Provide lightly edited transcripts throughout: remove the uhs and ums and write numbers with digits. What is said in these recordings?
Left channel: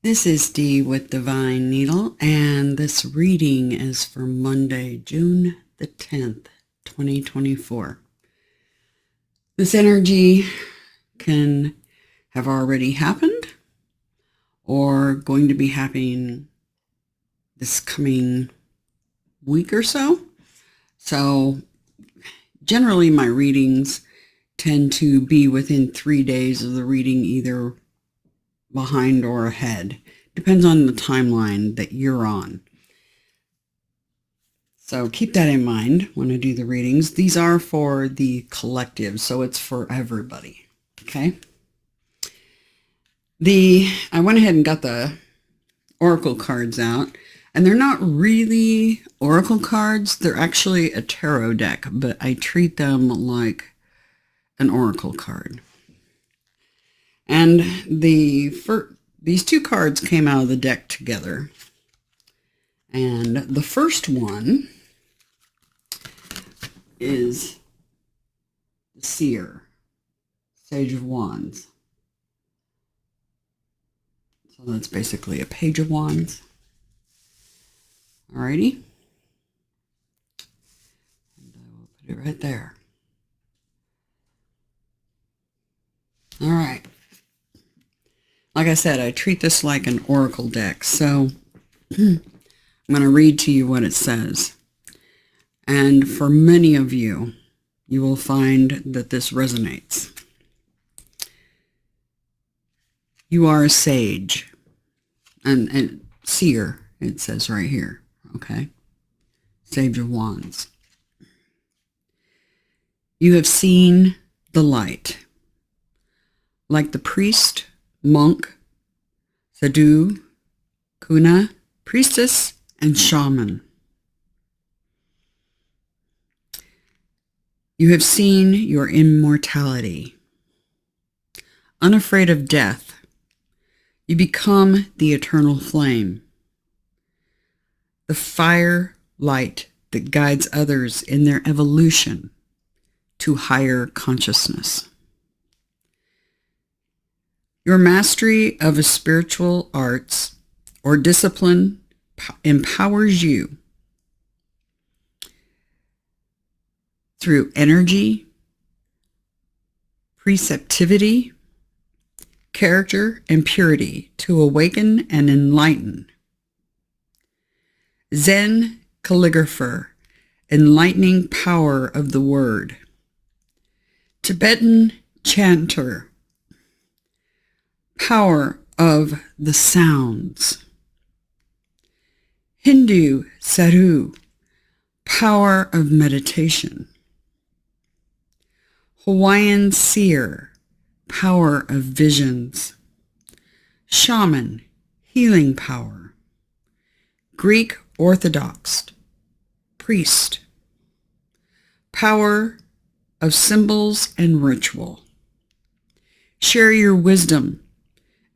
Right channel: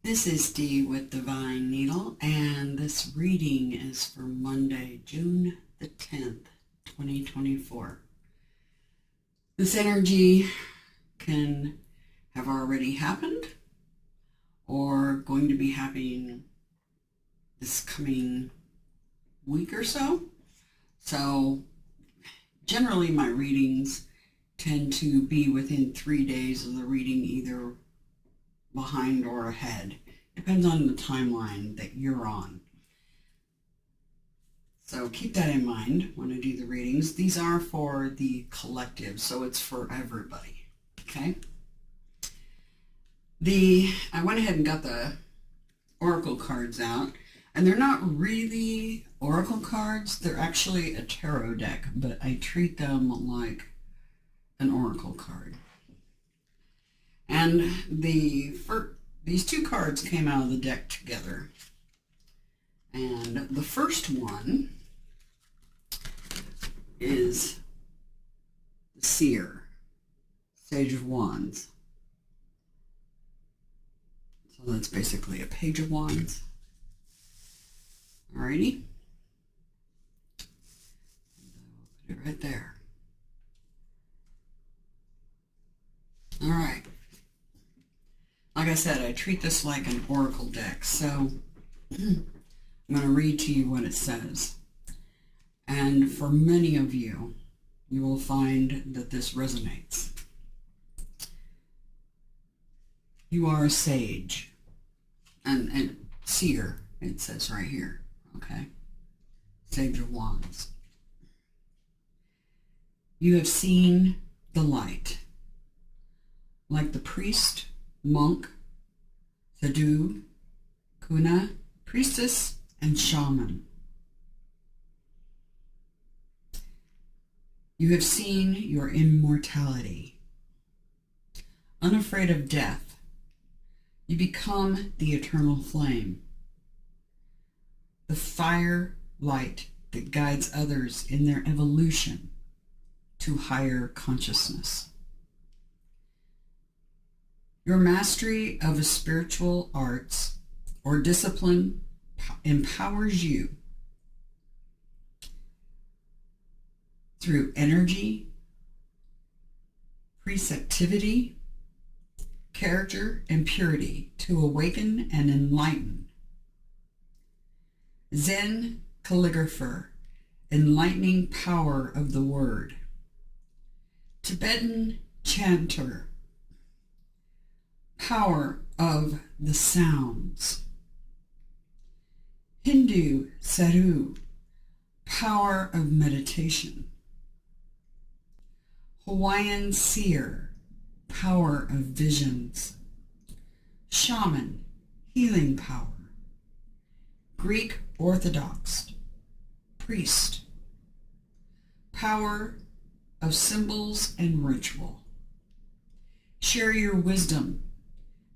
This is Dee with Divine Needle, and this reading is for Monday, June the 10th, 2024. This energy can have already happened or going to be happening this coming week or so. So generally my readings tend to be within 3 days of the reading, either behind or ahead. Depends on the timeline that you're on. So keep that in mind when I do the readings. These are for the collective, so it's for everybody. Okay? I went ahead and got the oracle cards out, and they're not really oracle cards. They're actually a tarot deck, but I treat them like an oracle card. And these two cards came out of the deck together. And the first one is the Seer, Sage of Wands. So that's basically a Page of Wands. Alrighty. And I will put it right there. All right. Like I said, I treat this like an oracle deck, so I'm going to read to you what it says. And for many of you, you will find that this resonates. You are a sage, and seer, it says right here, okay? Sage of Wands. You have seen the light. Like the priest, monk, sadhu, kuna, priestess, and shaman. You have seen your immortality. Unafraid of death, you become the eternal flame, the fire light that guides others in their evolution to higher consciousness. Your mastery of a spiritual arts or discipline empowers you through energy, preceptivity, character, and purity to awaken and enlighten. Zen calligrapher, enlightening power of the word. Tibetan chanter, power of the sounds. Hindu sadhu, power of meditation. Hawaiian seer, power of visions. Shaman, healing power. Greek Orthodox, priest, power of symbols and ritual. Share your wisdom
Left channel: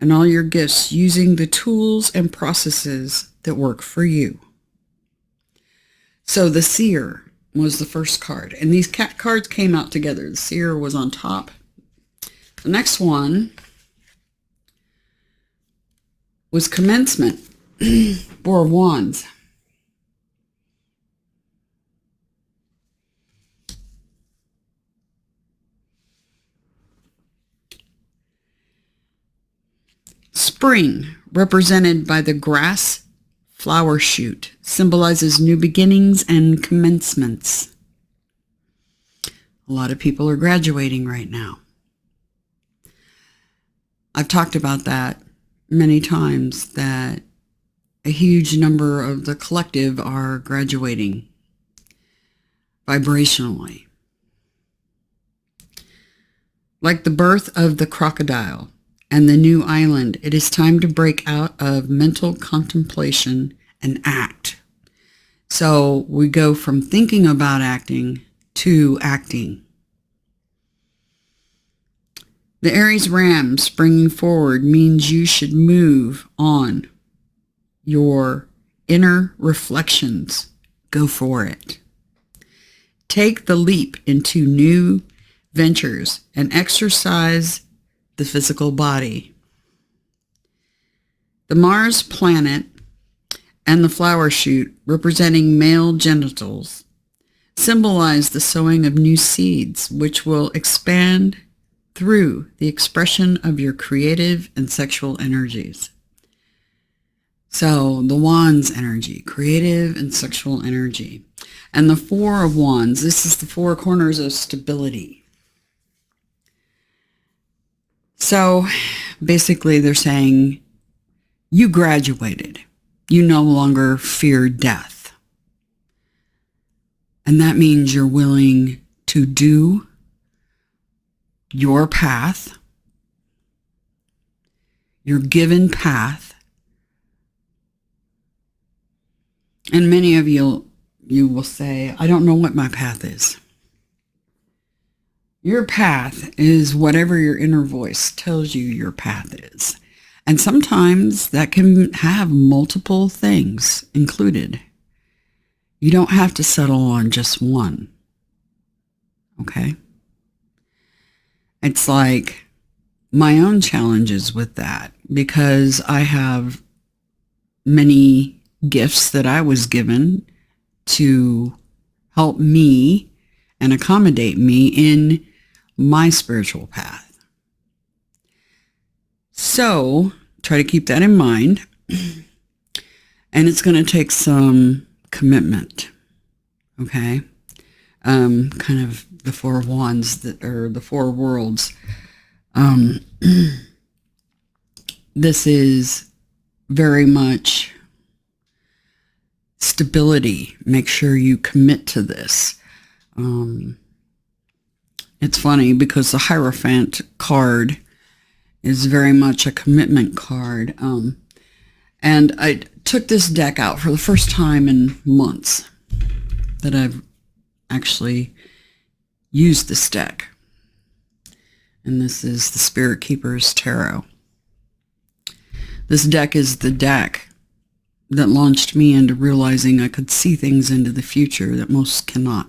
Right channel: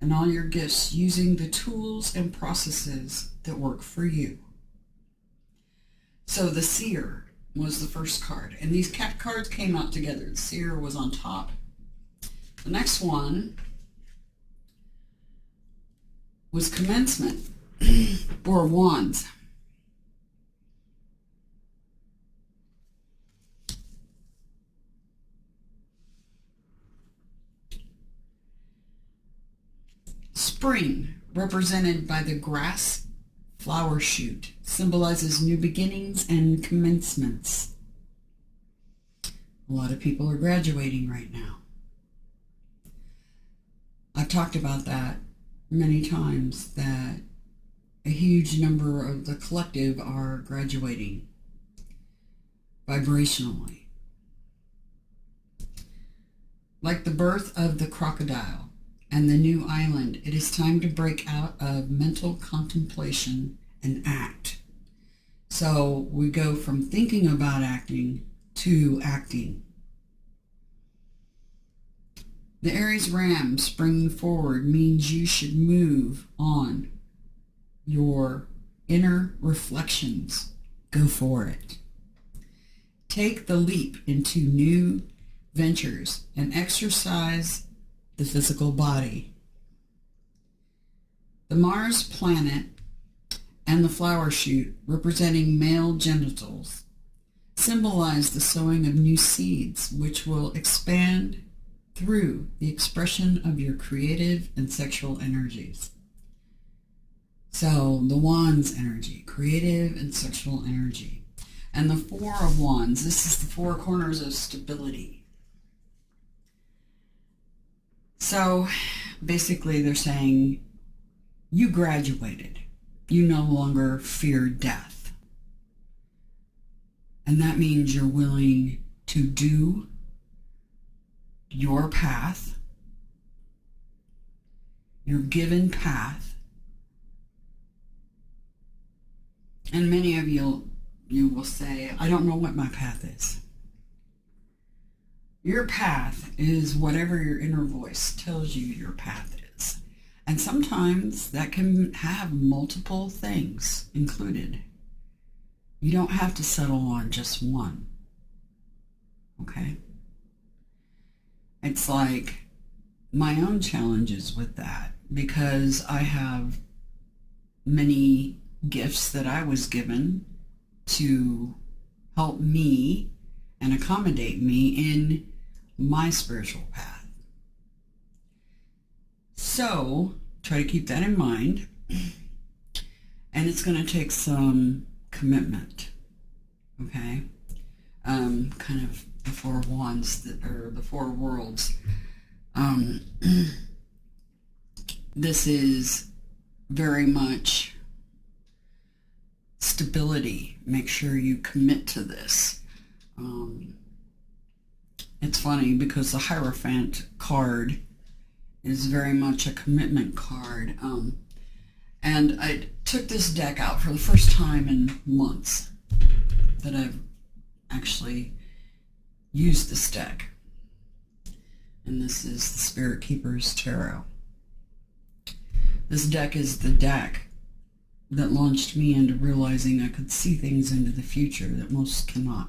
and all your gifts using the tools and processes that work for you. So the Seer was the first card, and these cards came out together. The Seer was on top. The next one was Commencement, Four of Wands. Spring, represented by the grass flower shoot, symbolizes new beginnings and commencements. A lot of people are graduating right now. I've talked about that many times, that a huge number of the collective are graduating vibrationally. Like the birth of the crocodile and the new island, it is time to break out of mental contemplation and act. So we go from thinking about acting to acting. The Aries ram springing forward means you should move on your inner reflections. Go for it. Take the leap into new ventures and exercise the physical body. The Mars planet and the flower shoot, representing male genitals, symbolize the sowing of new seeds, which will expand through the expression of your creative and sexual energies. So the Wands energy, creative and sexual energy. And the Four of Wands, this is the four corners of stability. So basically they're saying you graduated. You no longer fear death. And that means you're willing to do your path, your given path. And many of you will say, I don't know what my path is. Your path is whatever your inner voice tells you your path is. And sometimes that can have multiple things included. You don't have to settle on just one. Okay? It's like my own challenges with that, because I have many gifts that I was given to help me and accommodate me in my spiritual path. So try to keep that in mind. And it's going to take some commitment. Okay? Kind of the Four of Wands, or the Four Worlds. This is very much stability. Make sure you commit to this. It's funny because the Hierophant card is very much a commitment card. And I took this deck out for the first time in months that I've actually used this deck. And this is the Spirit Keeper's Tarot. This deck is the deck that launched me into realizing I could see things into the future that most cannot.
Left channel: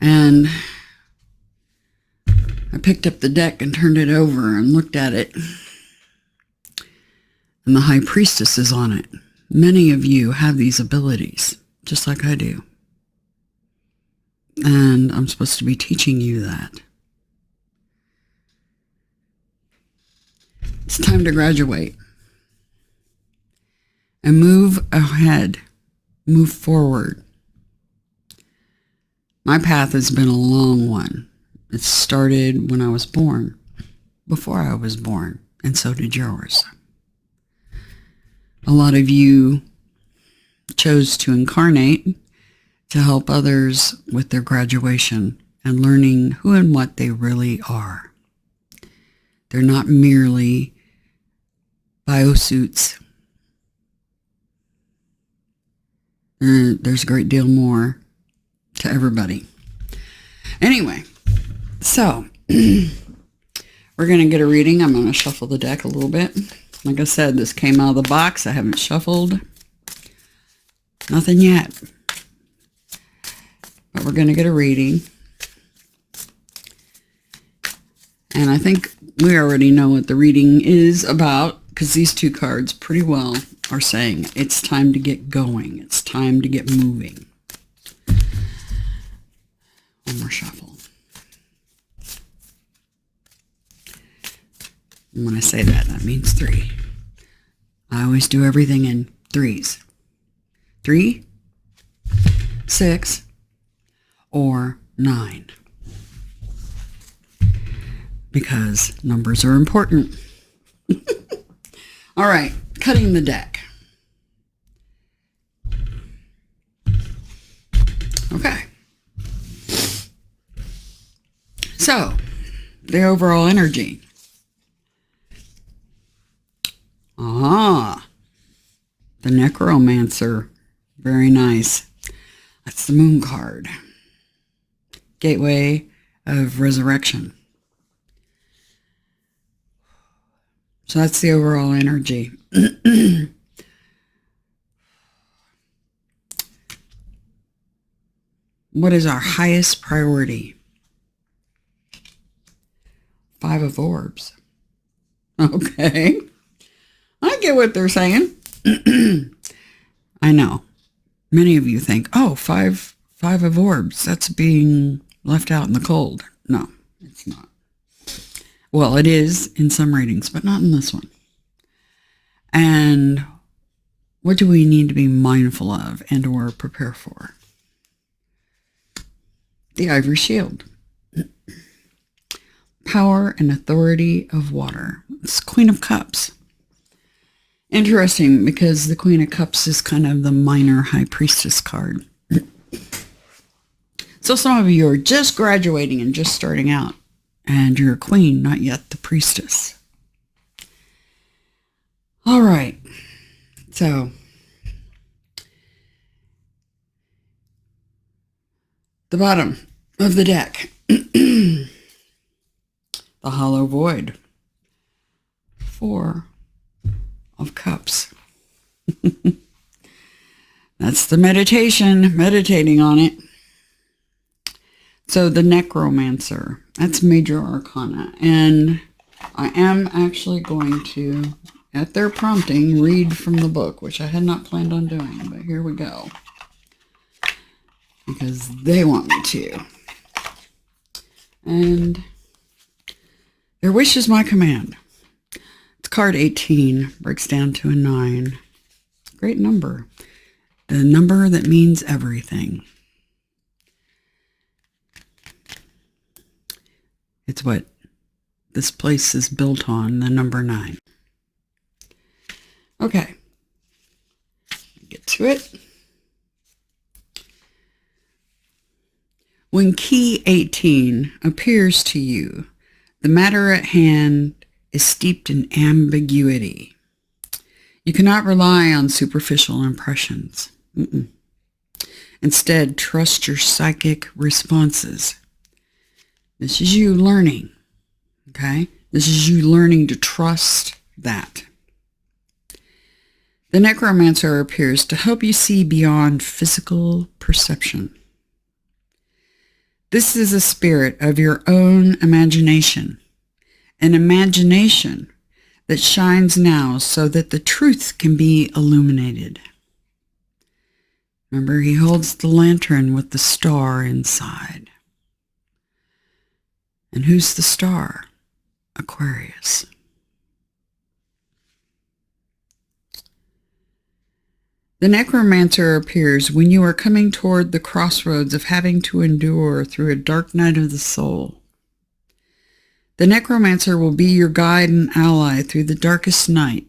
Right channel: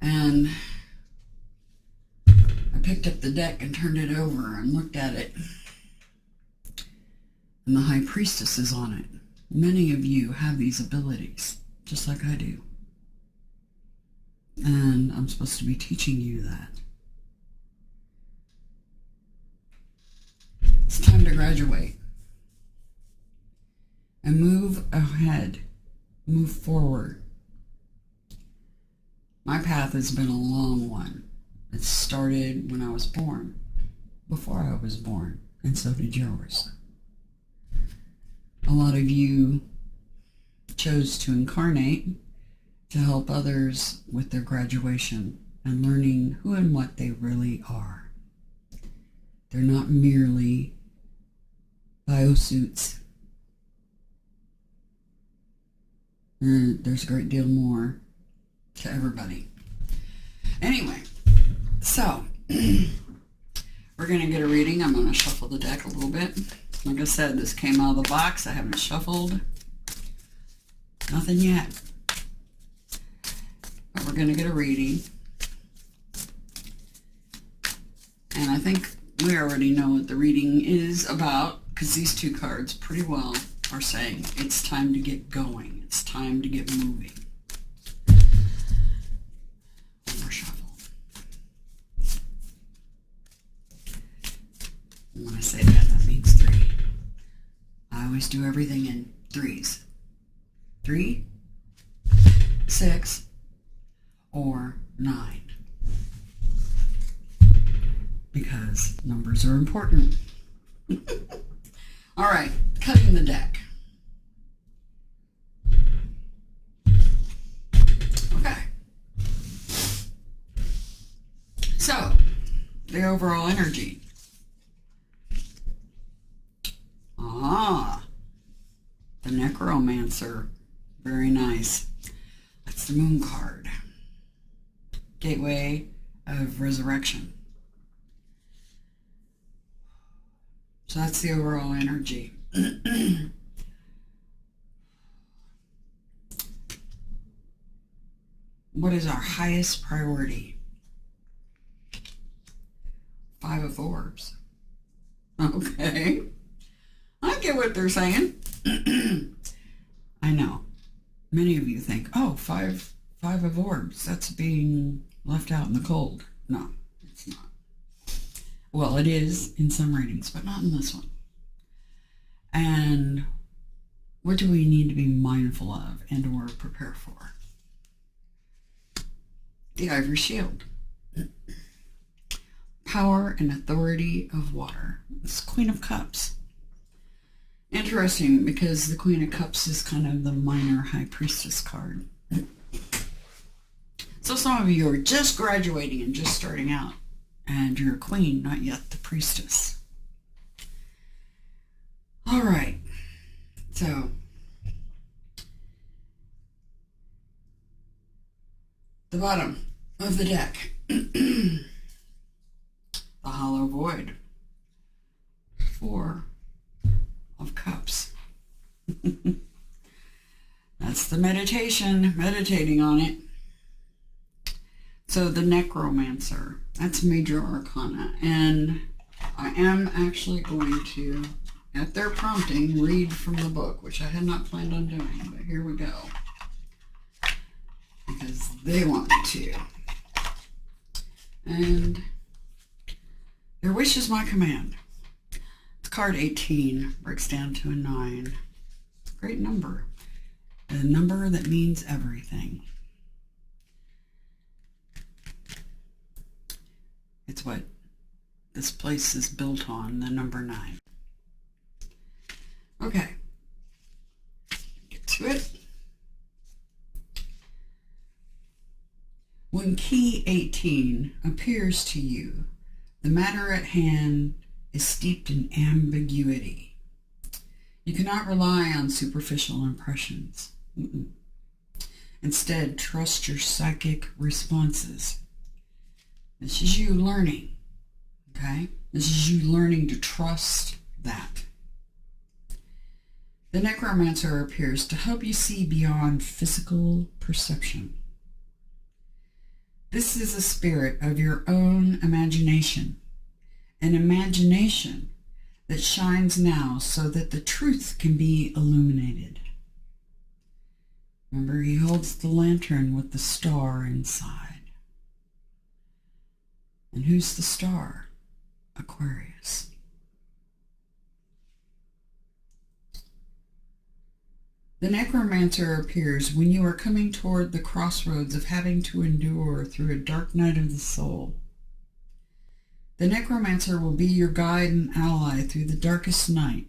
And I picked up the deck and turned it over and looked at it. And the High Priestess is on it. Many of you have these abilities, just like I do. And I'm supposed to be teaching you that. It's time to graduate. And move ahead. Move forward. My path has been a long one. It started when I was born, before I was born, and so did yours. A lot of you chose to incarnate to help others with their graduation and learning who and what they really are. They're not merely biosuits. There's a great deal more to everybody. Anyway, so we're going to get a reading. I'm going to shuffle the deck a little bit. Like I said, this came out of the box. I haven't shuffled. Nothing yet. But we're going to get a reading. And I think we already know what the reading is about, because these two cards pretty well are saying it's time to get going. It's time to get moving. One more shuffle. And when I say that, that means 3. I always do everything in 3s. 3, 6, or 9. Because numbers are important. All right, cutting the deck. Okay. So, the overall energy. The Necromancer. Very nice. That's the Moon card. Gateway of Resurrection. So that's the overall energy. What is our highest priority? 5 of Orbs. Okay. I get what they're saying. I know. Many of you think, oh, five of orbs, that's being left out in the cold. No, it's not. Well, it is in some readings, but not in this one. And what do we need to be mindful of and or prepare for? The Ivory Shield. Power and authority of water. It's Queen of Cups. Interesting, because the Queen of Cups is kind of the minor High Priestess card. So some of you are just graduating and just starting out, and you're a queen, not yet the priestess. All right. So the bottom of the deck. The Hollow Void. 4 of Cups. That's the meditation, meditating on it. So the Necromancer, that's Major Arcana. And I am actually going to, at their prompting, read from the book, which I had not planned on doing, but here we go. Because they want me to. And their wish is my command. It's card 18, breaks down to a 9. Great number. The number that means everything. It's what this place is built on, the number 9. Okay. Get to it. When key 18 appears to you, the matter at hand is steeped in ambiguity. You cannot rely on superficial impressions. Instead, trust your psychic responses. This is you learning, okay? This is you learning to trust that. The Necromancer appears to help you see beyond physical perception. This is a spirit of your own imagination, an imagination that shines now so that the truth can be illuminated. Remember, he holds the lantern with the star inside. And who's the star? Aquarius. The Necromancer appears when you are coming toward the crossroads of having to endure through a dark night of the soul. The Necromancer will be your guide and ally through the darkest night.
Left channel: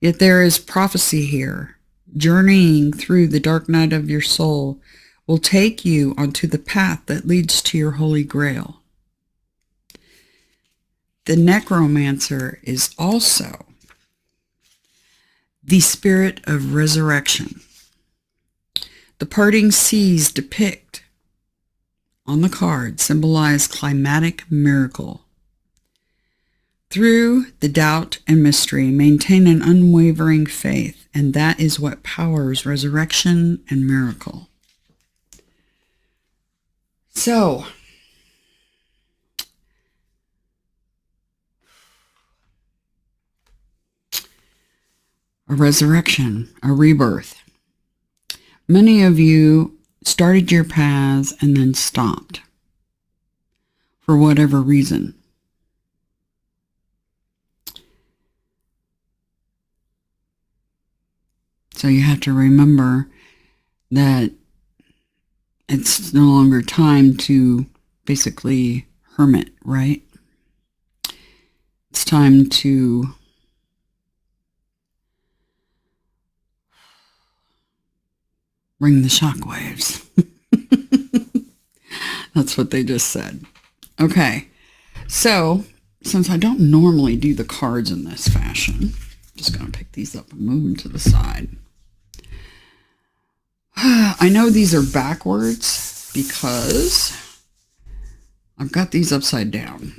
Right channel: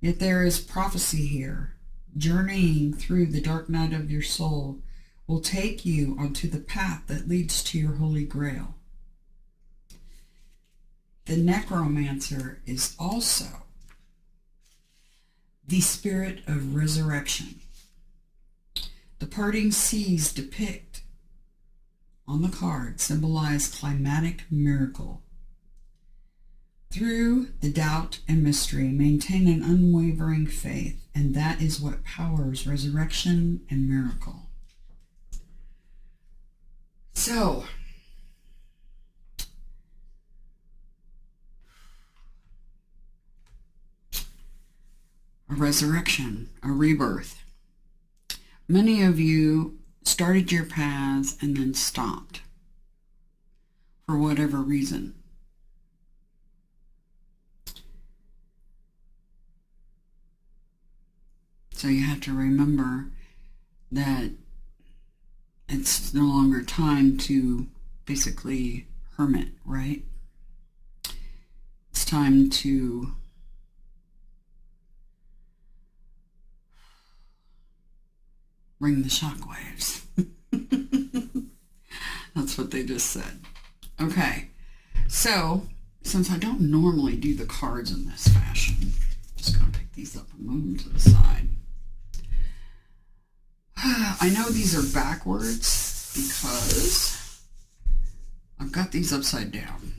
Yet there is prophecy here. Journeying through the dark night of your soul will take you onto the path that leads to your Holy Grail. The Necromancer is also the spirit of resurrection. The parting seas depict on the card symbolize climatic miracle. Through the doubt and mystery, maintain an unwavering faith, and that is what powers resurrection and miracle. So, a resurrection, a rebirth. Many of you started your paths and then stopped for whatever reason. So you have to remember that it's no longer time to basically hermit, right? It's time to bring the shockwaves. That's what they just said. Okay, so since I don't normally do the cards in this fashion, I'm just going to pick these up and move them to the side. I know these are backwards because I've got these upside down.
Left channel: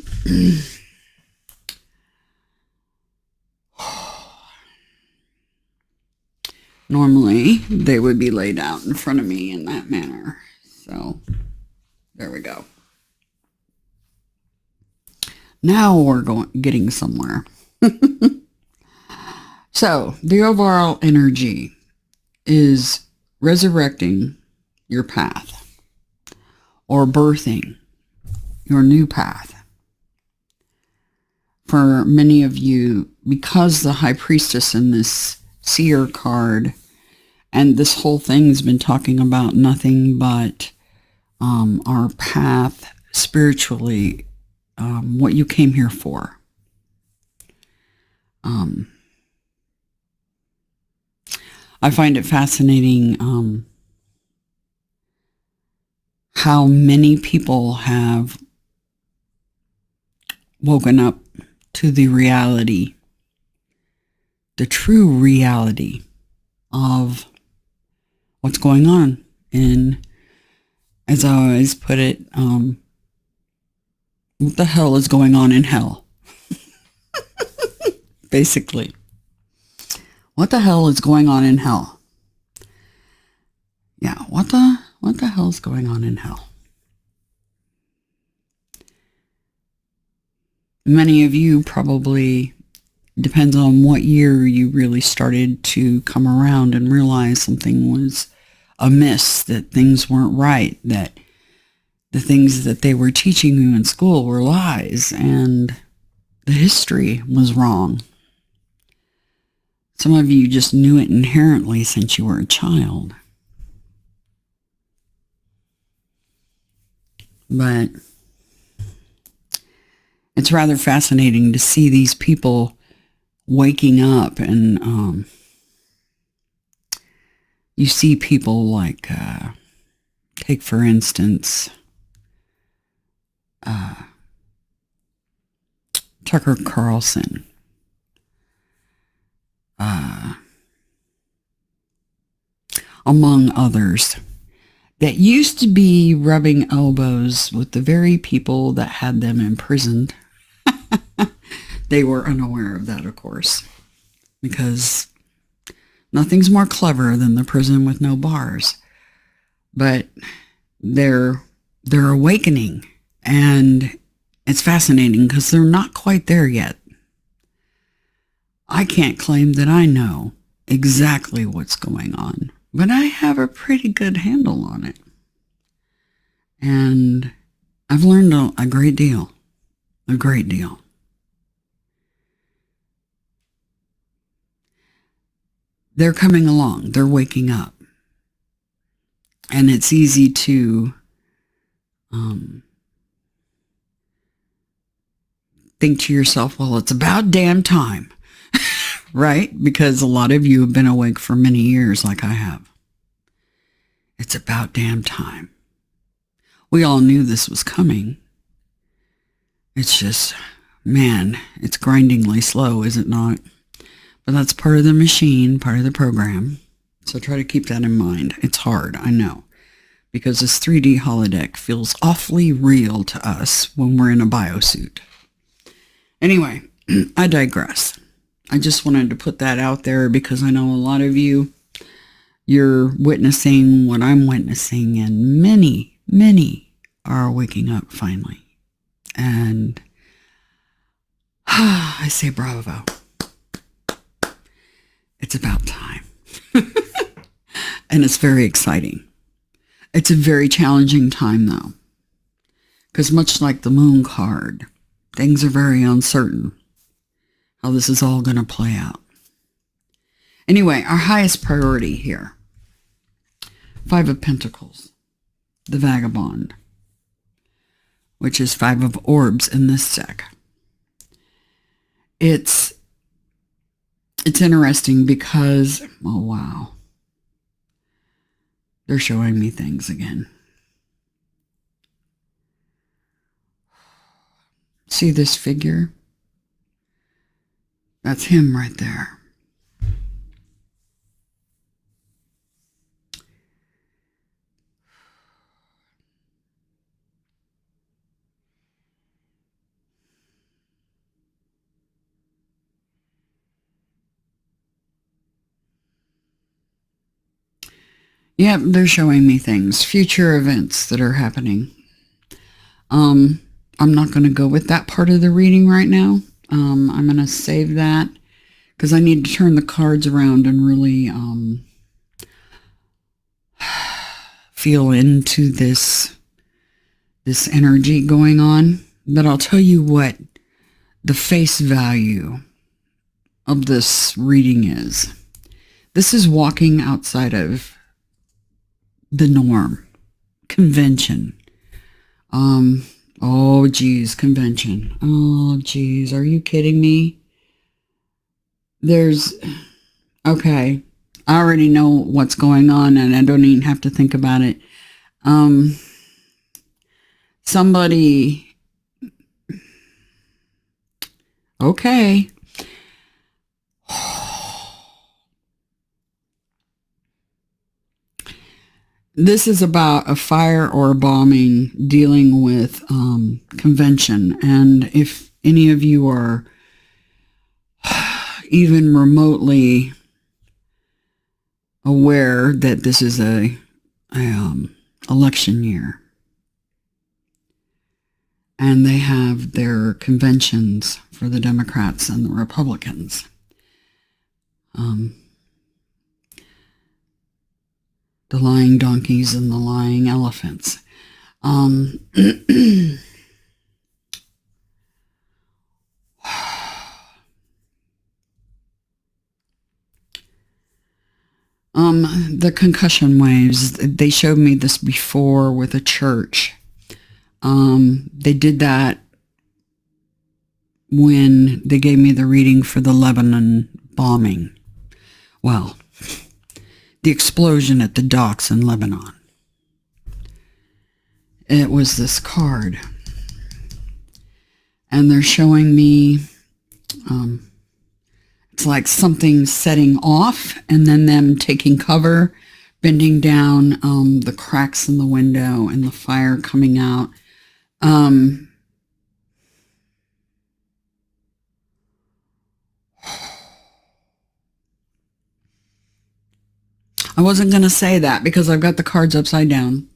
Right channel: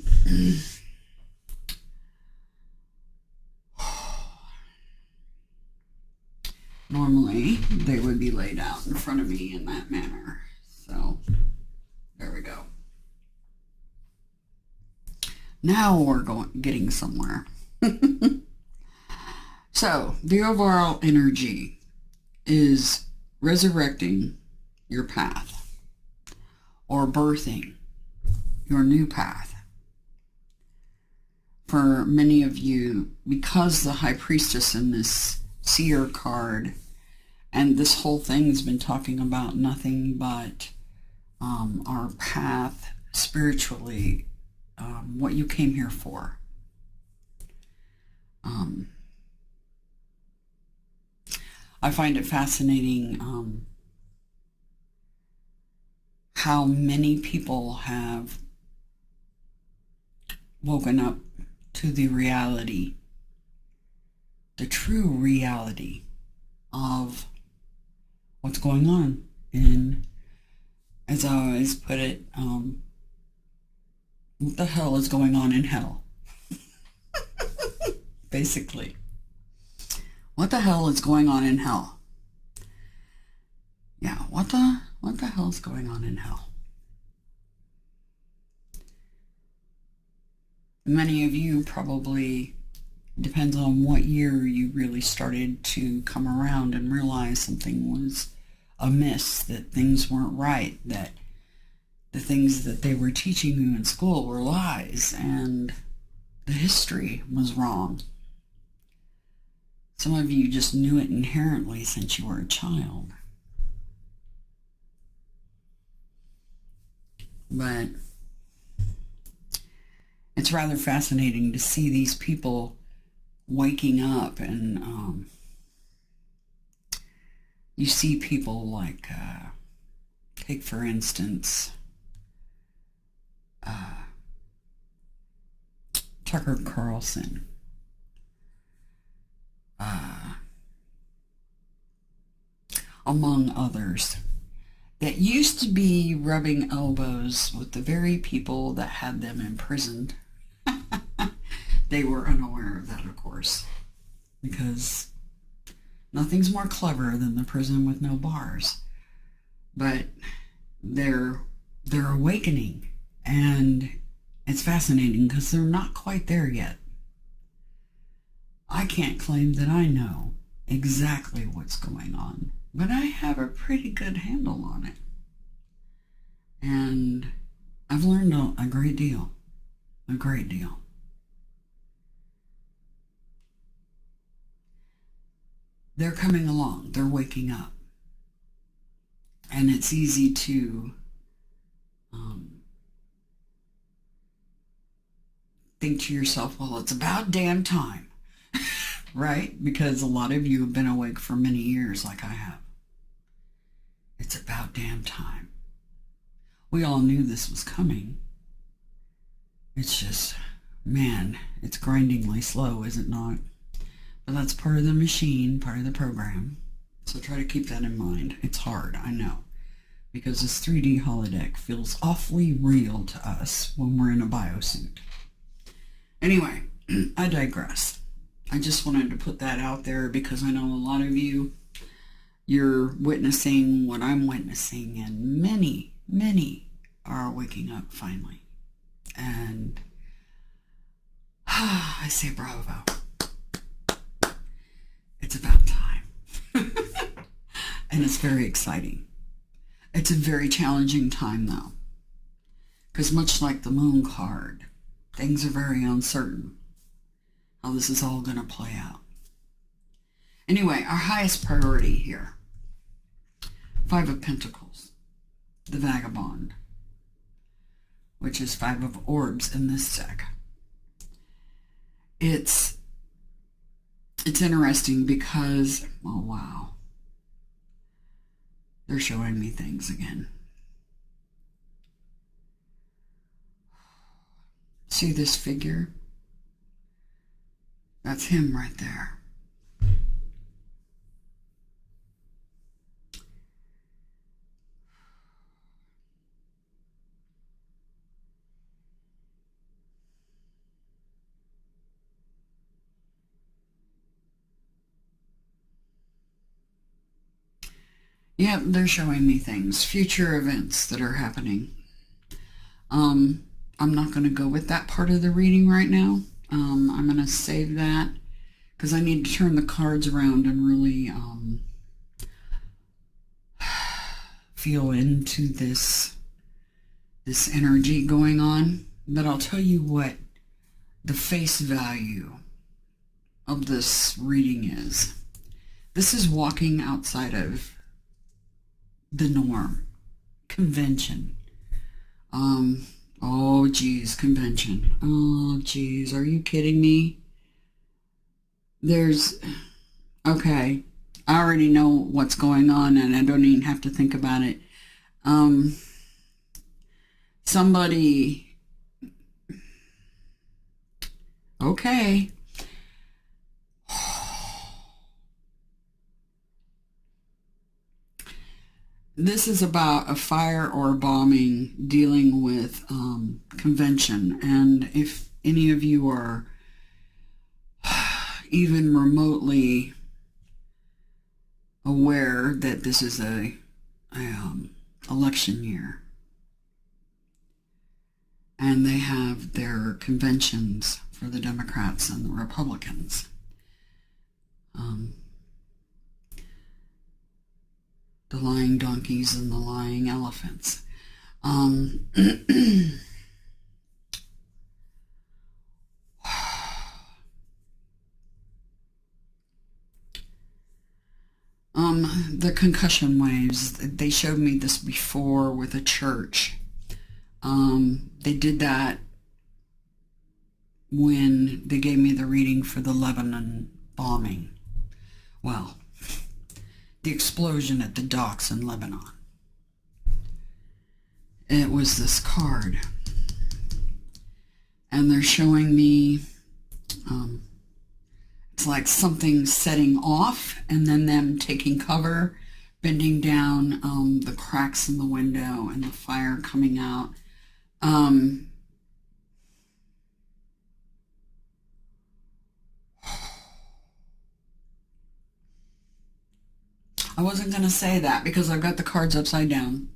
Normally, they would be laid out in front of me in that manner. So, there we go. Now we're getting somewhere. So the overall energy is resurrecting your path or birthing your new path. For many of you, because the High Priestess in this Seer card and this whole thing's been talking about nothing but our path spiritually, what you came here for. I find it fascinating how many people have woken up to the reality, the true reality of what's going on. And as I always put it, what the hell is going on in hell? Basically. What the hell is going on in hell? Yeah, what the hell is going on in hell? Many of you probably, depends on what year you really started to come around and realize something was amiss, that things weren't right, that the things that they were teaching you in school were lies, and the history was wrong. Some of you just knew it inherently since you were a child. But it's rather fascinating to see these people waking up, and you see people like, take for instance, Tucker Carlson. Among others, that used to be rubbing elbows with the very people that had them imprisoned. They were unaware of that, of course, because nothing's more clever than the prison with no bars. But they're awakening, and it's fascinating because they're not quite there yet. I can't claim that I know exactly what's going on, but I have a pretty good handle on it. And I've learned a great deal. A great deal. They're coming along. They're waking up. And it's easy to think to yourself, well, it's about damn time. Right? Because a lot of you have been awake for many years like I have. It's about damn time. We all knew this was coming. It's just, man, it's grindingly slow, is it not? But that's part of the machine, part of the program. So try to keep that in mind. It's hard, I know, because this 3D holodeck feels awfully real to us when we're in a biosuit. Anyway, I digress. I just wanted to put that out there because I know a lot of you, you're witnessing what I'm witnessing, and many, many are waking up finally. And I say bravo. It's about time. And it's very exciting. It's a very challenging time, though, because much like the moon card, things are very uncertain how this is all going to play out. Anyway, our highest priority here, 5 of Pentacles, the Vagabond, which is 5 of Orbs in this deck. It's interesting because, oh wow, they're showing me things again. See this figure? That's him right there. Yep, they're showing me things, future events that are happening. I'm not going to go with that part of the reading right now. I'm going to save that because I need to turn the cards around and really feel into this energy going on. But I'll tell you what the face value of this reading is. This is walking outside of the norm, convention. Oh geez, convention. Oh geez, are you kidding me? Okay, I already know what's going on and I don't even have to think about it. Somebody, okay. This is about a fire or a bombing dealing with convention. And if any of you are even remotely aware that this is a election year, and they have their conventions for the Democrats and the Republicans. The lying donkeys and the lying elephants. The concussion waves, they showed me this before with a church. They did that when they gave me the reading for the Lebanon bombing. Well, the explosion at the docks in Lebanon. It was this card. And they're showing me, it's like something setting off and then them taking cover, bending down, the cracks in the window and the fire coming out. I wasn't going to say that because I've got the cards upside down,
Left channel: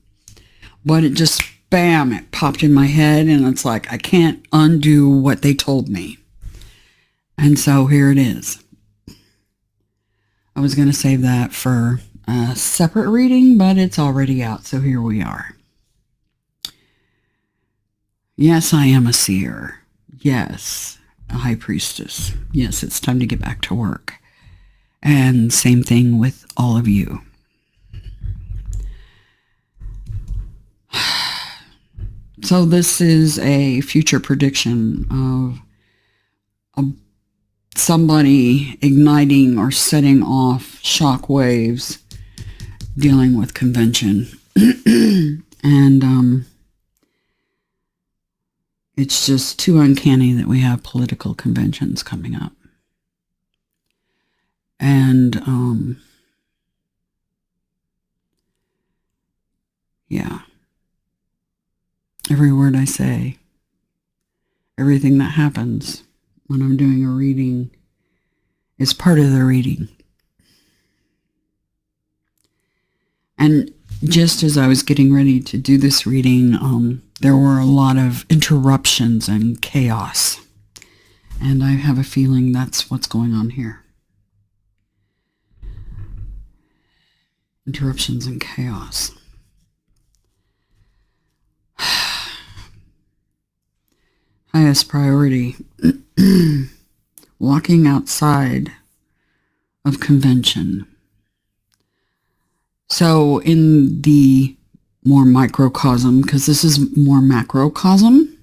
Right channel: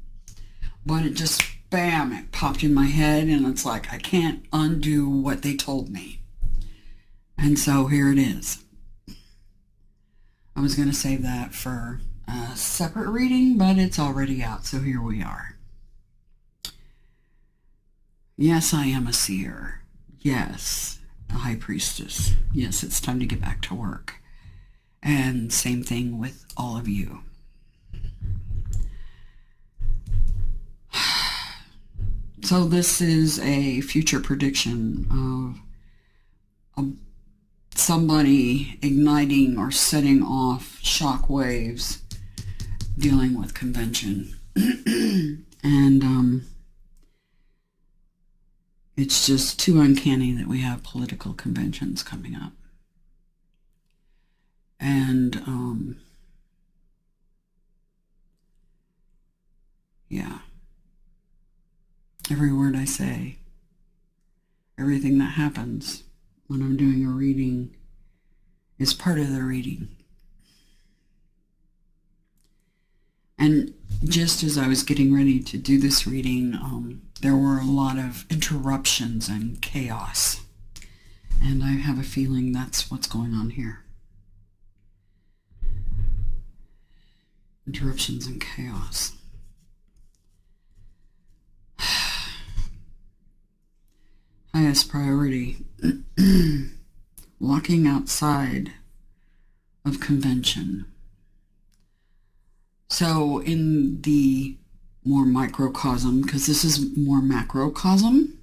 but it just, bam, it popped in my head and it's like, I can't undo what they told me. And so here it is. I was going to save that for a separate reading, but it's already out, so here we are. Yes, I am a seer. Yes, a high priestess. Yes, it's time to get back to work. And same thing with all of you. So this is a future prediction of somebody igniting or setting off shock waves dealing with convention. And it's just too uncanny that we have political conventions coming up. And yeah, every word I say, everything that happens when I'm doing a reading is part of the reading. And just as I was getting ready to do this reading, there were a lot of interruptions and chaos. And I have a feeling that's what's going on here. Interruptions and chaos. Highest priority. Walking outside of convention. So in the more microcosm, because this is more macrocosm.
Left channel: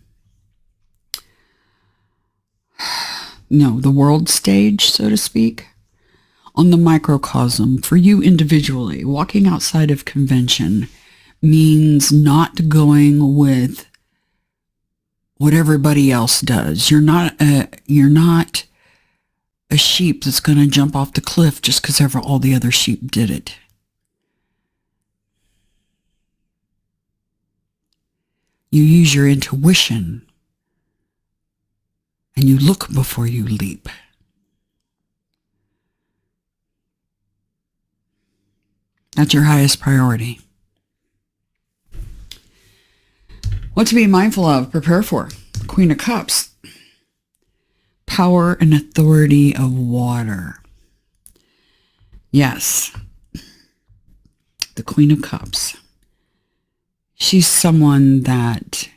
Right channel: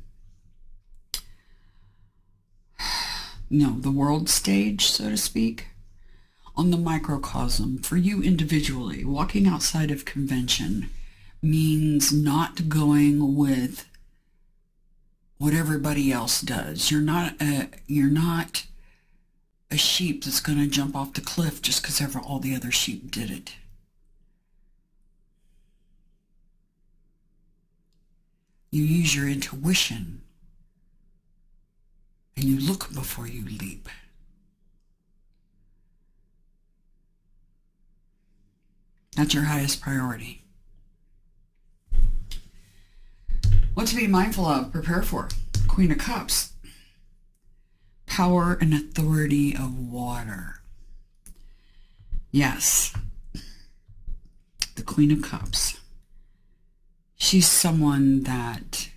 No, the world stage, so to speak. On the microcosm, for you individually, walking outside of convention means not going with what everybody else does. You're not a sheep that's going to jump off the cliff just because all the other sheep did it. You use your intuition and you look before you leap. That's your highest priority. What to be mindful of, prepare for. Queen of Cups. power and authority of water. Yes, the Queen of Cups. She's someone that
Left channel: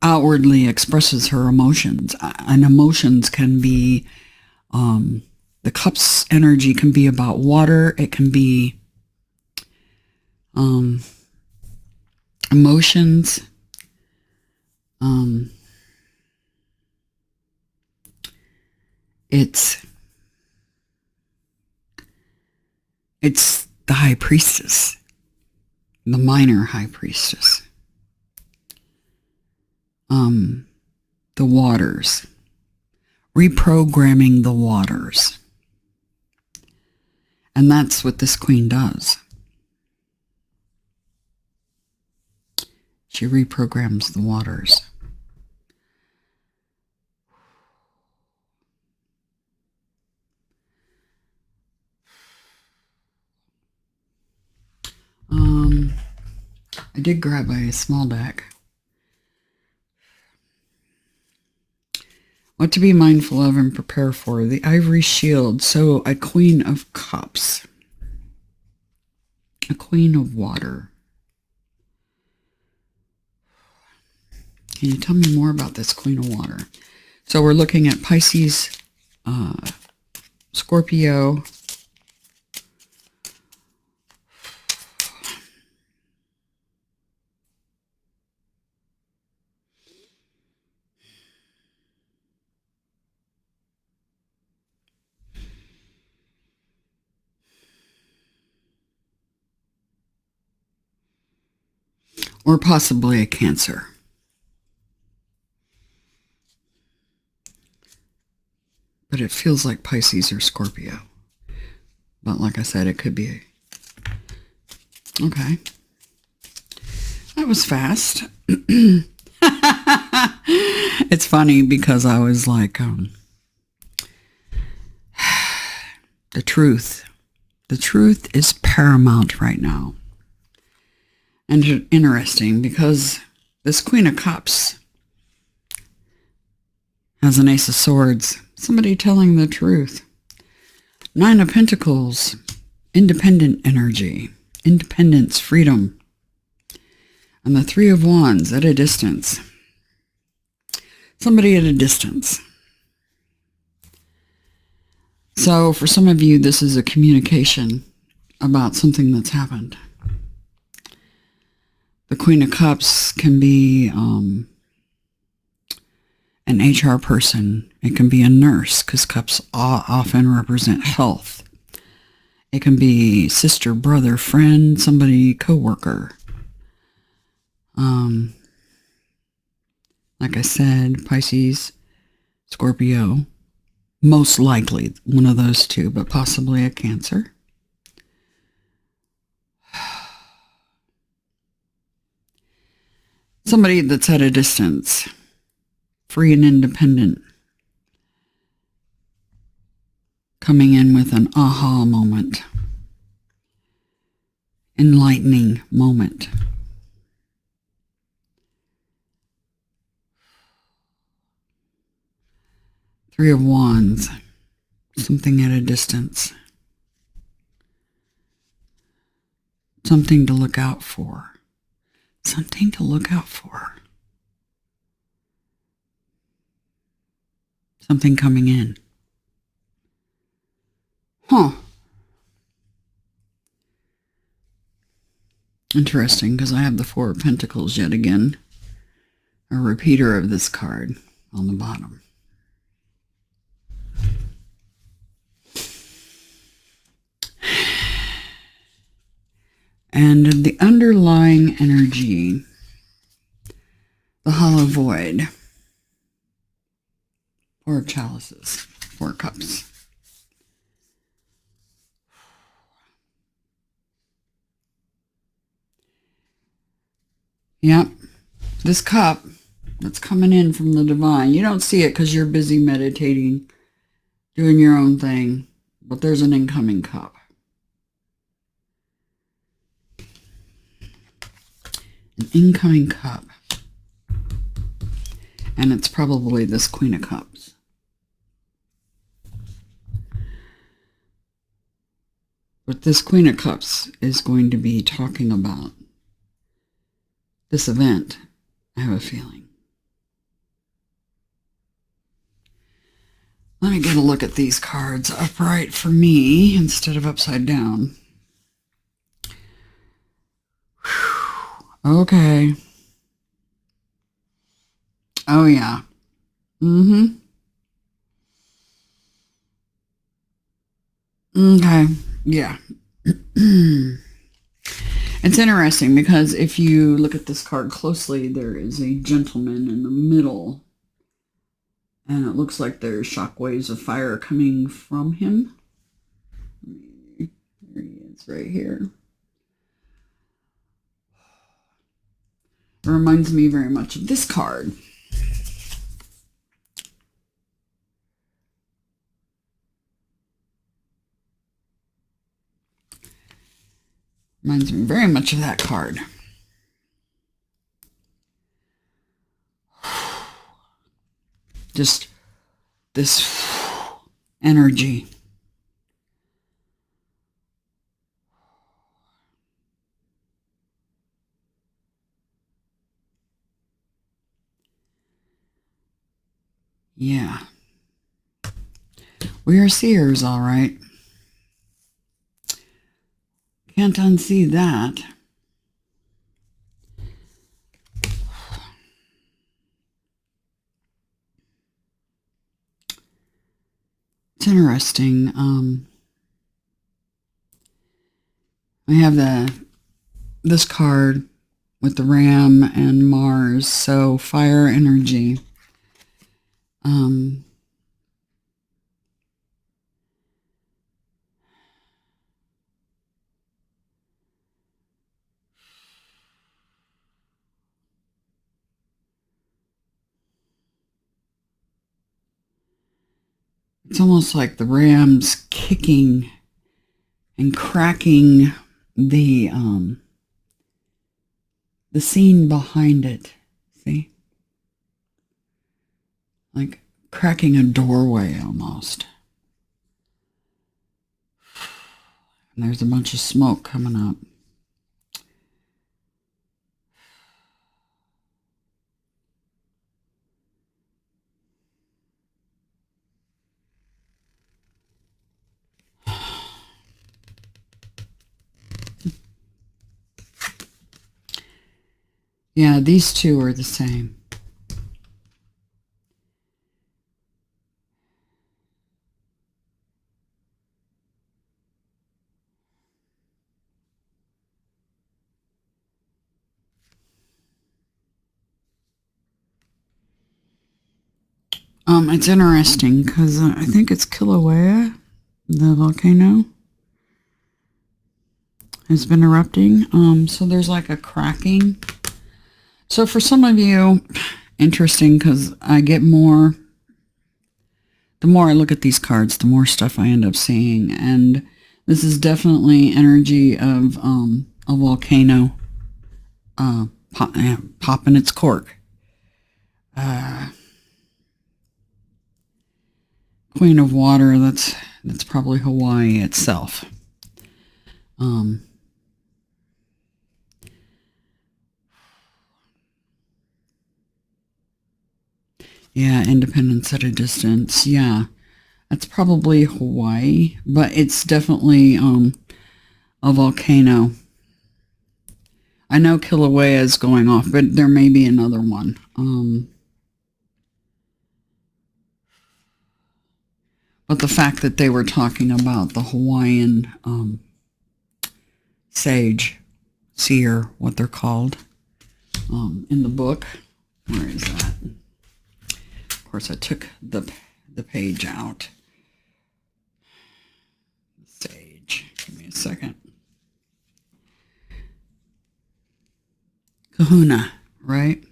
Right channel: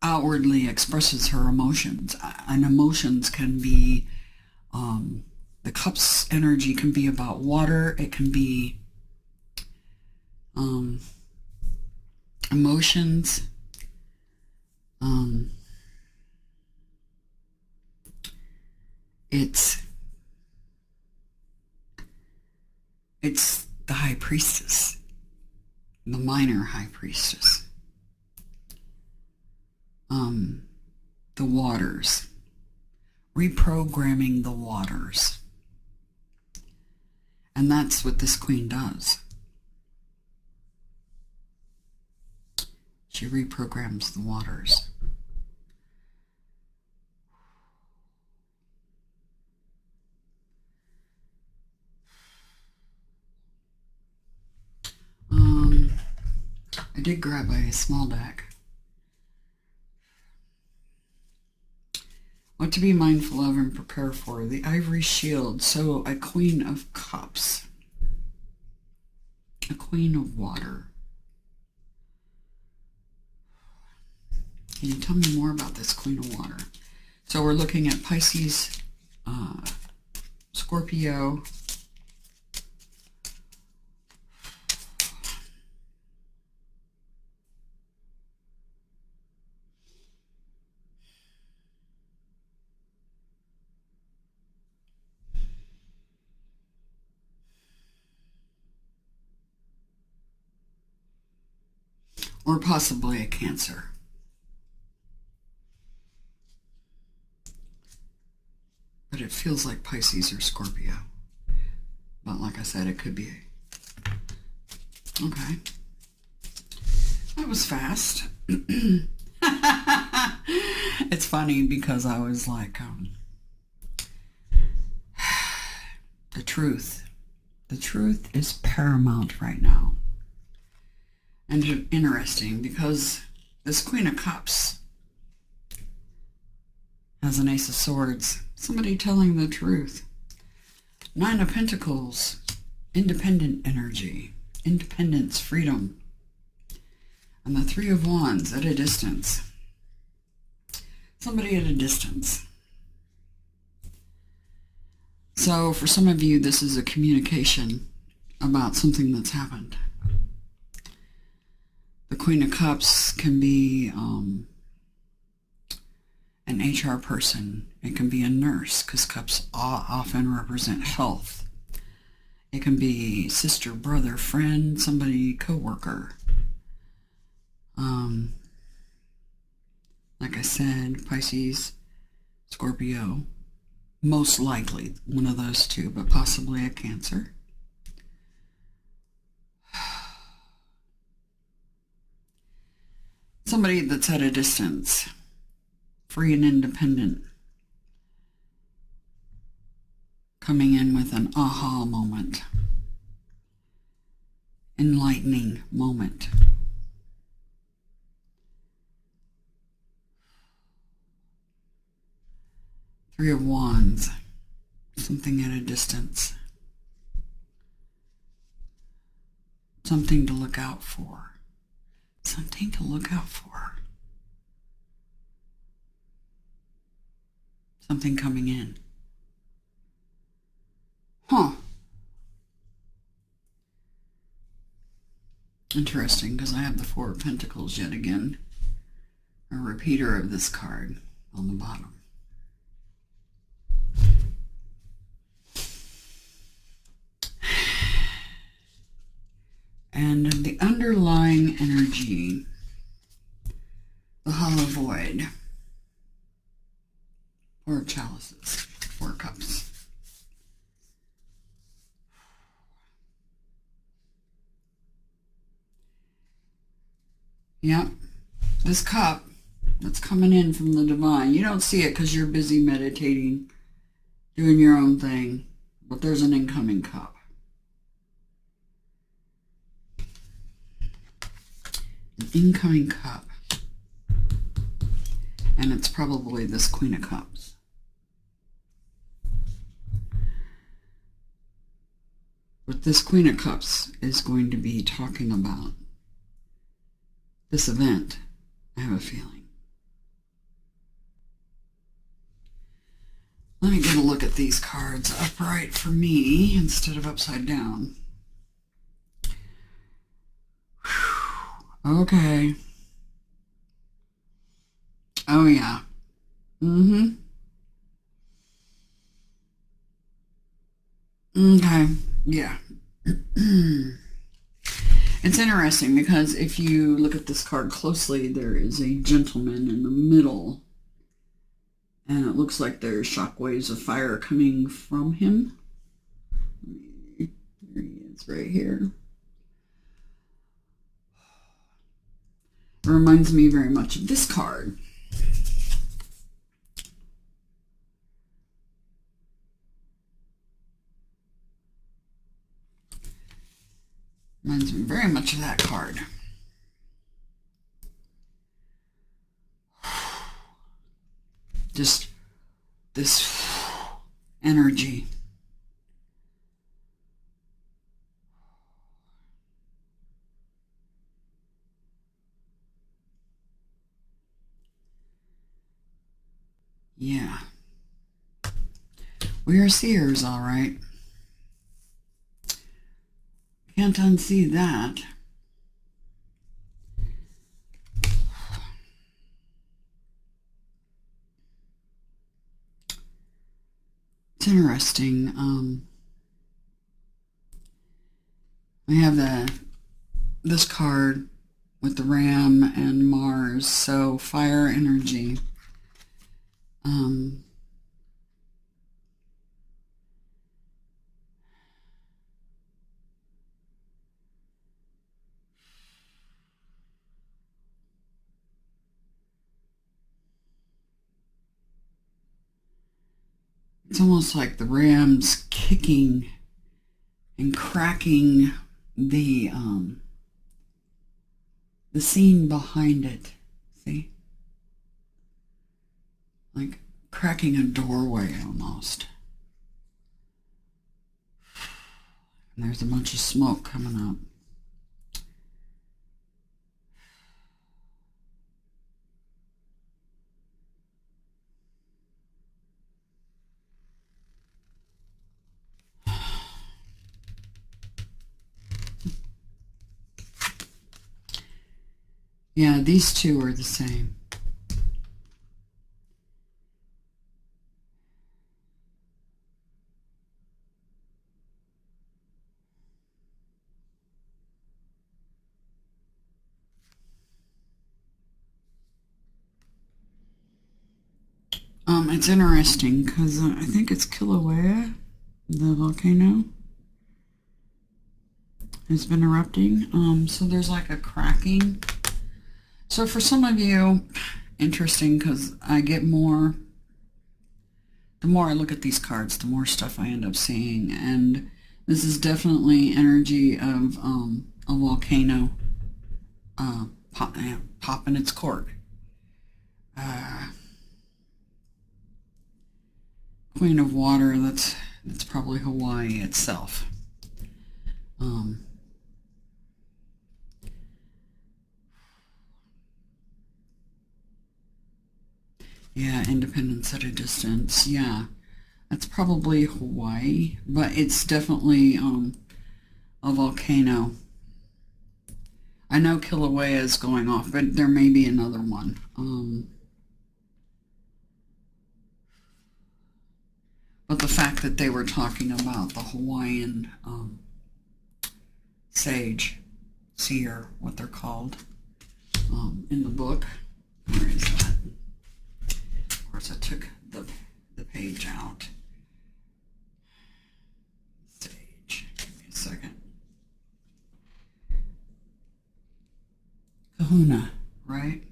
outwardly expresses her emotions, and emotions can be, the Cups energy can be about water. It can be emotions. It's the High Priestess, the minor High Priestess. The waters, reprogramming the waters. And that's what this queen does. She reprograms the waters. I did grab a small deck. What to be mindful of and prepare for. The Ivory Shield. So a Queen of Cups. A Queen of Water. Can you tell me more about this Queen of Water? So we're looking at Pisces, Scorpio, or possibly a Cancer. But it feels like Pisces or Scorpio. But like I said, it could be okay. That was fast. It's funny because I was like, the truth. The truth is paramount right now. And interesting because this Queen of Cups has an Ace of Swords. Somebody telling the truth. Nine of Pentacles. Independent energy. Independence. Freedom. And the Three of Wands at a distance. Somebody at a distance. So for some of you, this is a communication about something that's happened. The Queen of Cups can be an HR person. It can be a nurse, because cups often represent health. It can be sister, brother, friend, somebody, co-worker. Like I said, Pisces, Scorpio, most likely one of those two, but possibly a Cancer. Somebody that's at a distance, free and independent, coming in with an aha moment, enlightening moment. Three of Wands, something at a distance, something to look out for. Something to look out for. Something coming in. Huh. Interesting, because I have the Four of Pentacles yet again. A repeater of this card on the bottom. And the underlying energy, the Hollow Void, Four Chalices, Four Cups. Yep, this cup that's coming in from the divine, you don't see it because you're busy meditating, doing your own thing, but there's an incoming cup. An incoming cup. And it's probably this Queen of Cups. But this Queen of Cups is going to be talking about this event, I have a feeling. Let me get a look at these cards upright for me instead of upside down. Whew. Okay. Oh, yeah. Okay. Yeah. It's interesting because if you look at this card closely, there is a gentleman in the middle. And it looks like there's shockwaves of fire coming from him. There he is right here. It reminds me very much of this card. Reminds me very much of that card. Just this energy. Yeah. We are seers, all right. Can't unsee that. It's interesting. We have this card with the Ram and Mars, so fire energy. It's almost like the Ram's kicking and cracking the scene behind it. See? Like cracking a doorway almost. And there's a bunch of smoke coming up. Yeah, these two are the same. It's interesting because I think it's Kilauea, the volcano, has been erupting. So there's like a cracking. So for some of you, interesting because I get more, the more I look at these cards, the more stuff I end up seeing. And this is definitely energy of a volcano popping its cork. Queen of Water, that's probably Hawaii itself. Yeah, independence at a distance. Yeah, that's probably Hawaii, but it's definitely a volcano. I know Kilauea is going off, but there may be another one. But the fact that they were talking about the Hawaiian sage, seer, what they're called, in the book. Where is that? Of course, I took the page out. Sage. Give me a second. Kahuna, right?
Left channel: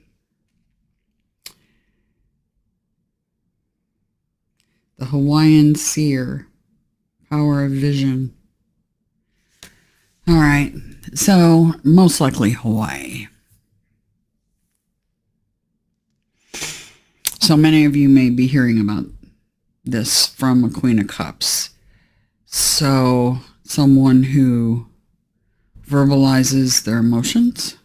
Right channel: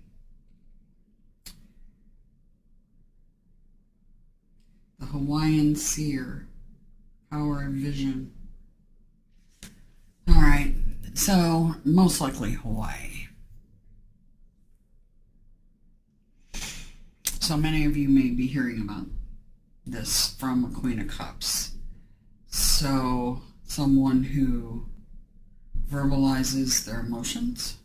The Hawaiian seer, power of vision. All right, so most likely Hawaii. So many of you may be hearing about this from a Queen of Cups. So someone who verbalizes their emotions.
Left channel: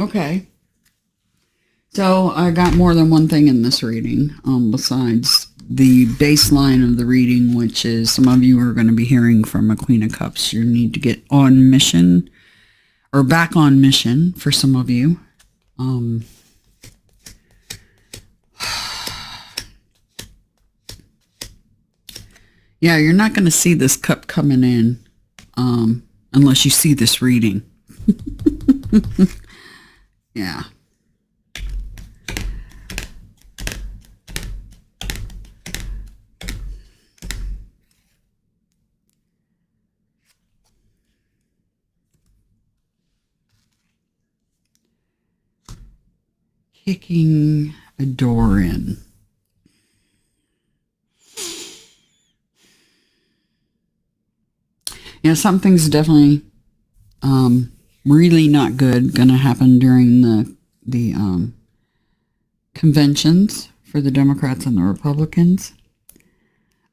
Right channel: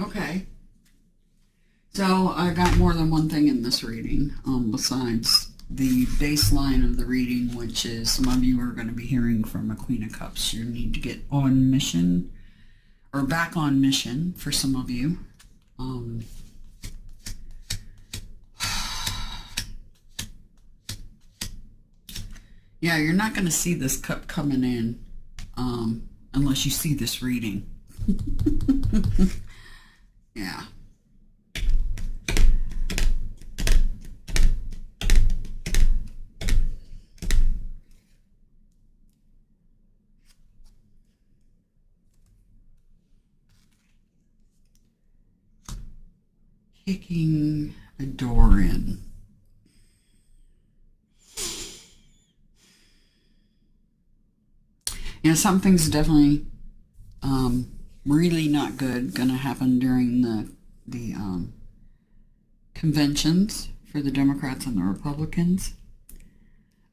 Okay. So I got more than one thing in this reading, besides the baseline of the reading, which is some of you are going to be hearing from a Queen of Cups. You need to get on mission, or back on mission for some of you. Yeah, you're not going to see this cup coming in unless you see this reading. Yeah. Kicking a door in. Yeah, something's definitely really not good going to happen during the conventions for the Democrats and the Republicans.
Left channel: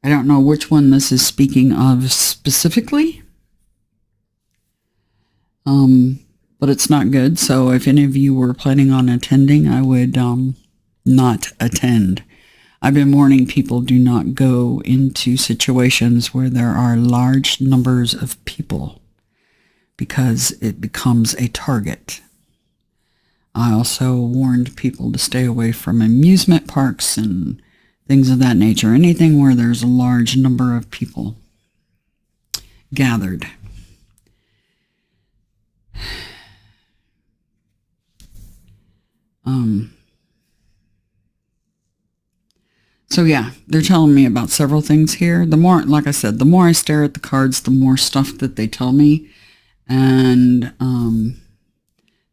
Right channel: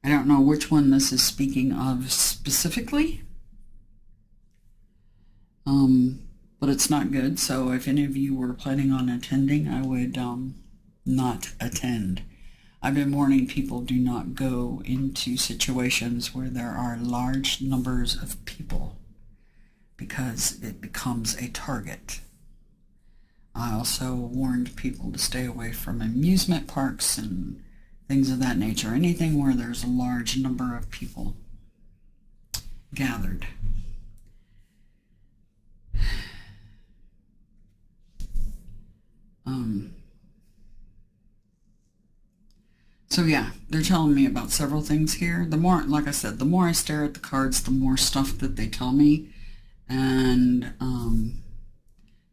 I don't know which one this is speaking of specifically, but it's not good. So if any of you were planning on attending, I would not attend. I've been warning people, do not go into situations where there are large numbers of people, because it becomes a target. I also warned people to stay away from amusement parks and things of that nature. Anything where there's a large number of people gathered. So yeah, they're telling me about several things here. The more, like I said, the more I stare at the cards, the more stuff that they tell me. And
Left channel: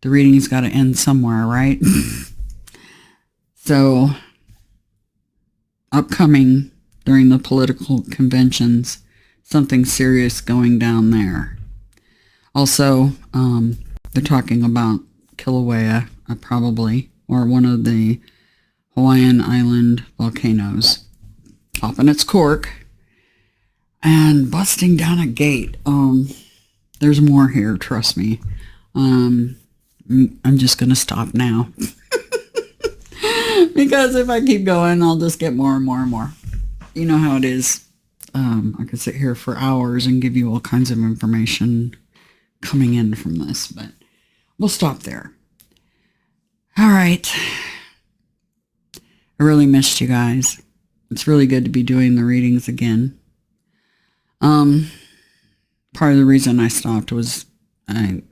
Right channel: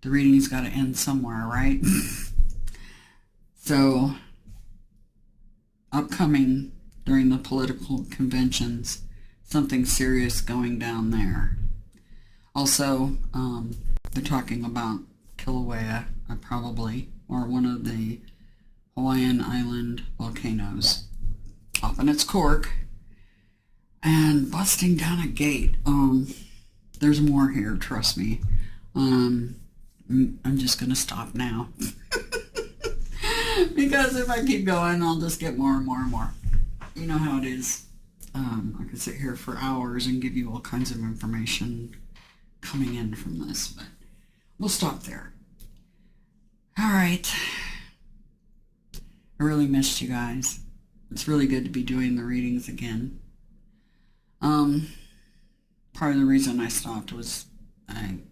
the reading's got to end somewhere, right? So upcoming during the political conventions, something serious going down there. Also, they're talking about Kilauea, probably, or one of the Hawaiian island volcanoes popping its cork and busting down a gate. There's more here, trust me. I'm just going to stop now. Because if I keep going, I'll just get more and more and more. You know how it is. I could sit here for hours and give you all kinds of information coming in from this, but we'll stop there. All right. I really missed you guys. It's really good to be doing the readings again. Part of the reason I stopped was I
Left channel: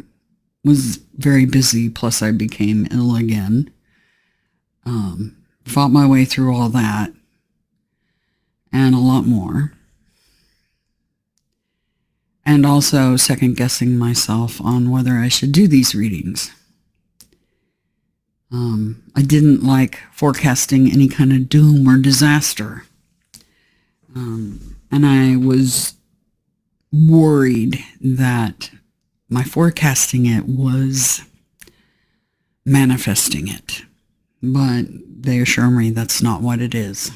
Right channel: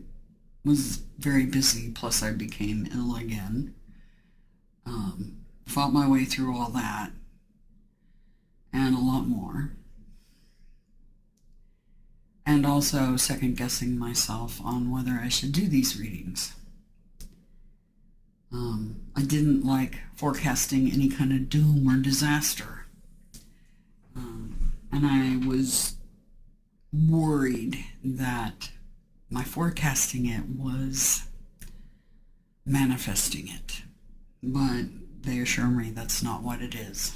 was very busy, plus I became ill again. Fought my way through all that and a lot more. And also second guessing myself on whether I should do these readings. I didn't like forecasting any kind of doom or disaster. And I was worried that my forecasting it was manifesting it. But they assure me that's not what it is.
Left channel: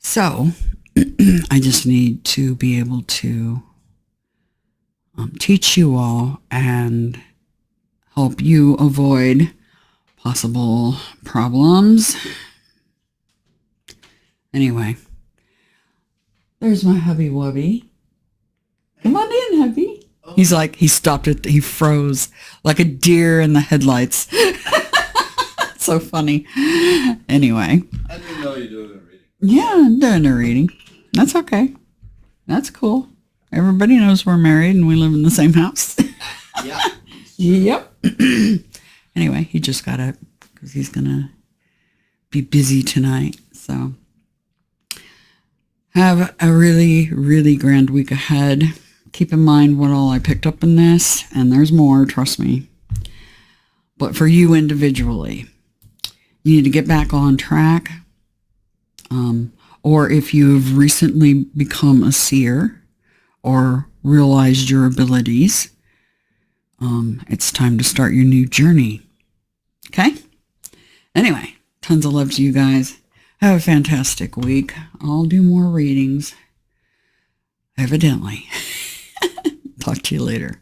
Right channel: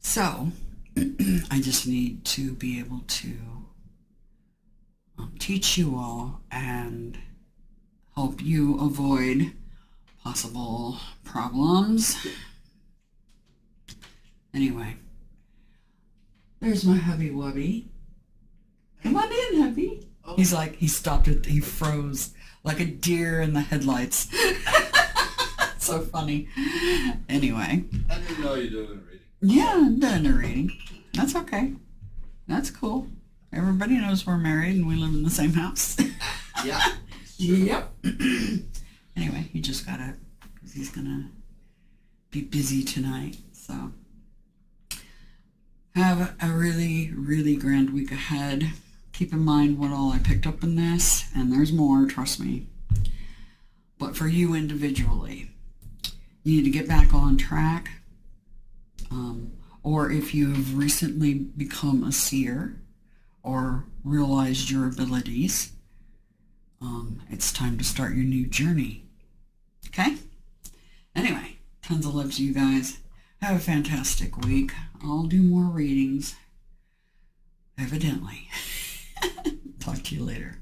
So I just need to be able to teach you all and help you avoid possible problems. Anyway, there's my hubby wubby. Come on in, hubby. Oh. He's like, he stopped it. He froze like a deer in the headlights. So funny. Anyway. I didn't know you were doing a reading. Yeah, I'm doing a reading. That's okay. That's cool. Everybody knows we're married and we live in the same house. Yeah. Yep. Anyway, he just got up because he's going to be busy tonight. So have a really, really grand week ahead. Keep in mind what all I picked up in this, and there's more, trust me. But for you individually, you need to get back on track. Or if you've recently become a seer or realized your abilities, it's time to start your new journey. Okay? Anyway, tons of love to you guys. Have a fantastic week. I'll do more readings. Evidently. Talk to you later.